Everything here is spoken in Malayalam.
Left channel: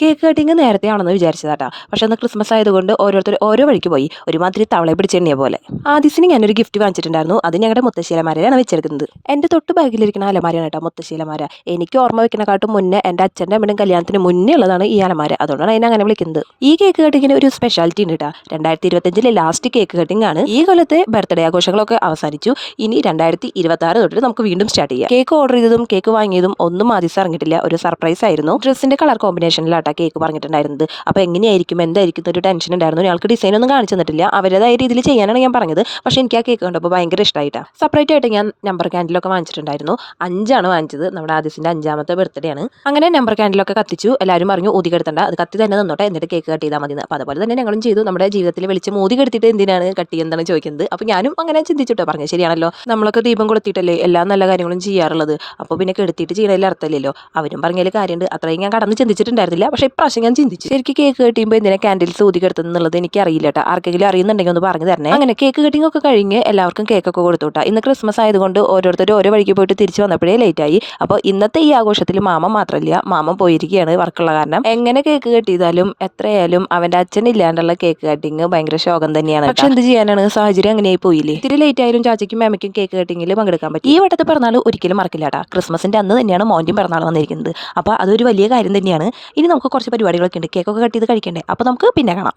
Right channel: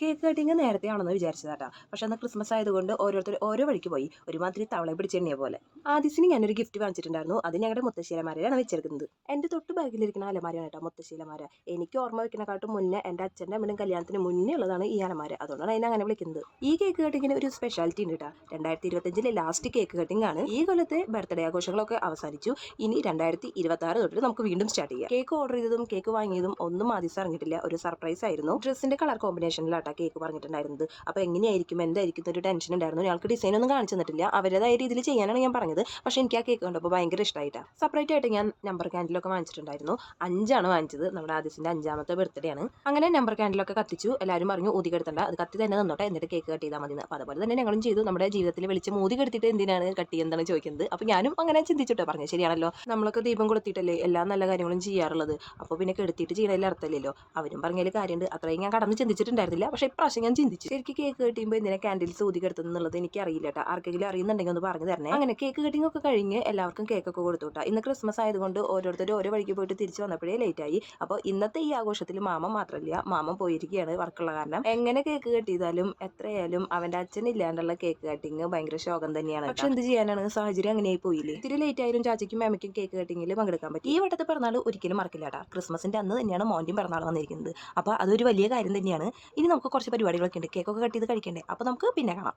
കേക്ക് കട്ടിങ് നേരത്തെ ആണെന്ന് വിചാരിച്ചതാട്ടാ. പക്ഷെ അന്ന് ക്രിസ്മസ് ആയതുകൊണ്ട് ഓരോരുത്തർ ഓരോ വഴിക്ക് പോയി. ഒരുമാതിരി തവളെ പിടിച്ചെണ്ണിയ പോലെ. ആദിസിന് ഞാനൊരു ഗിഫ്റ്റ് വാങ്ങിച്ചിട്ടുണ്ടായിരുന്നു. അത് ഞങ്ങളുടെ മുത്തശ്ശീലമാരെയാണ് വെച്ചെടുക്കുന്നത്. എൻ്റെ തൊട്ട് ബാഗിലിരിക്കുന്ന അലമാരയാണ് കേട്ടോ മുത്തശ്ശീലമാര. എനിക്ക് ഓർമ്മ വെക്കുന്നതിനെക്കാട്ടും മുന്നേ എൻ്റെ അച്ഛൻ്റെ അമ്മയുടെയും കല്യാണത്തിന് മുന്നേ ഉള്ളതാണ് ഈ അലമാര. അതുകൊണ്ടാണ് അതിനെ അങ്ങനെ വിളിക്കുന്നത്. ഈ കേക്ക് കട്ടിങ്ങിന് ഒരു സ്പെഷ്യാലിറ്റി ഉണ്ട് കേട്ടോ. 2025 ലാസ്റ്റ് കേക്ക് കട്ടിംഗ് ആണ്. ഈ കൊല്ലത്തെ ബർത്ത്ഡേ ആഘോഷങ്ങളൊക്കെ അവസാനിച്ചു. ഇനി 2026 തൊട്ട് നമുക്ക് വീണ്ടും സ്റ്റാർട്ട് ചെയ്യാം. കേക്ക് ഓർഡർ ചെയ്തതും കേക്ക് വാങ്ങിയതും ഒന്നും ആദിസ് അറിഞ്ഞിട്ടില്ല. ഒരു സർപ്രൈസ് ആയിരുന്നു. ഡ്രസ്സിന്റെ കളർ കോമ്പിനേഷനിലാട്ടോ കേക്ക് പറഞ്ഞിട്ടുണ്ടായിരുന്നത്. അപ്പോൾ എങ്ങനെയായിരിക്കും എന്തായിരിക്കും ഒരു ടെൻഷൻ ഉണ്ടായിരുന്നു. ഞങ്ങൾക്ക് ഡിസൈൻ ഒന്നും കാണിച്ചു തന്നിട്ടില്ല. അവരുടേതായ രീതിയിൽ ചെയ്യാനാണ് ഞാൻ പറഞ്ഞത്. പക്ഷേ എനിക്ക് ആ കേക്ക് കണ്ടപ്പോൾ ഭയങ്കര ഇഷ്ടമായിട്ടാണ്. സെപ്പറേറ്റ് ആയിട്ട് ഞാൻ നമ്പർ ക്യാൻഡിലൊക്കെ വാങ്ങിച്ചിട്ടുണ്ടായിരുന്നു. 5 വാങ്ങിച്ചത്. നമ്മുടെ ആദിസിന്റെ 5ാമത്തെ ബർത്ത്ഡേ ആണ്. അങ്ങനെ നമ്പർ ക്യാൻഡിലൊക്കെ കത്തിച്ചു. എല്ലാവരും പറഞ്ഞു ഊതി കെടുത്തണ്ട, അത് കത്തി തന്നെ നിന്നോട്ടെ, എന്നിട്ട് കേക്ക് കട്ട് ചെയ്താൽ മതി. അപ്പോൾ അതുപോലെ തന്നെ ഞങ്ങളും ചെയ്തു. നമ്മുടെ ജീവിതത്തിൽ വെളിച്ചം ഊതി കെടുത്തിട്ട് എന്തിനാണ് കട്ട് ചെയ്യുന്നതാണ് ചോദിക്കുന്നത്. അപ്പോൾ ഞാനും അങ്ങനെ ചിന്തിച്ചിട്ടോ, പറഞ്ഞു ശരിയാണല്ലോ, നമ്മളൊക്കെ ദീപം കൊളുത്തിയിട്ടല്ലേ എല്ലാ നല്ല കാര്യങ്ങളും ചെയ്യാറുള്ളത്. അപ്പോൾ പിന്നെ കെടുത്തിയിട്ട് ചെയ്യണതിൽ അർത്ഥമില്ലല്ലോ. അവരും പറഞ്ഞതിൽ കാര്യമുണ്ട്. അത്രയും ഞാൻ കടന്ന് ചിന്തിച്ചിട്ടുണ്ടായിരുന്നില്ല. പക്ഷേ ഇപ്രാവശ്യം ഞാൻ ചിന്തിച്ചു. ശരിക്കും കേക്ക് കട്ടിയുമ്പോൾ എന്തിനാ കാൻഡിൽസ് ഊതി കെടുത്തുന്നുള്ളത് എനിക്ക് അറിയില്ല കേട്ടോ. ആർക്കെങ്കിലും അറിയുന്നുണ്ടെങ്കിൽ ഒന്ന് പറഞ്ഞു തരണേ. അങ്ങനെ കേക്ക് കട്ടിംഗ് ഒക്കെ കഴിഞ്ഞ് എല്ലാവർക്കും കേക്കൊക്കെ കൊടുത്തുട്ടാ. ഇന്ന് ക്രിസ്മസ് ആയതുകൊണ്ട് ഓരോരുത്തരും ഓരോ വഴിക്ക് പോയിട്ട് തിരിച്ച് വന്നപ്പോഴേ ലേറ്റായി. അപ്പോൾ ഇന്നത്തെ ഈ ആഘോഷത്തിൽ മാമൻ മാത്രമല്ല, മാമൻ പോയിരിക്കുകയാണ് വർക്കുള്ള കാരണം. എങ്ങനെ കേക്ക് കട്ട് ചെയ്താലും എത്രയായാലും അവൻ്റെ അച്ഛൻ ഇല്ലാണ്ടുള്ള കേക്ക് കട്ടിങ് ഭയങ്കര ശോകം തന്നെയാണ്. പക്ഷെ എന്ത് ചെയ്യാനാണ്, സാഹചര്യം അങ്ങനെയായി പോയില്ലേ. ഇത്തിരി ലേറ്റ് ആയാലും ചാച്ചയ്ക്കും മാമയ്ക്കും കേക്ക് കട്ടിങ്ങിൽ പങ്കെടുക്കാൻ പറ്റും. ഈ വട്ടത്തെ പിറന്നാൾ ഒരിക്കലും മറക്കില്ല കേട്ടോ. ക്രിസ്മസിന്റെ അന്ന് തന്നെയാണ് മോൻ്റെയും പിറന്നാൾ വന്നിരിക്കുന്നത്. അപ്പോൾ അതൊരു വലിയ കാര്യം തന്നെയാണ്. ഇനി നമുക്ക് കുറച്ച് പരിപാടികളൊക്കെ ഉണ്ട്. കേക്കൊക്കെ കട്ട് ചെയ്ത് കഴിക്കണ്ടേ. അപ്പോൾ നമുക്ക് പിന്നെ കാണാം.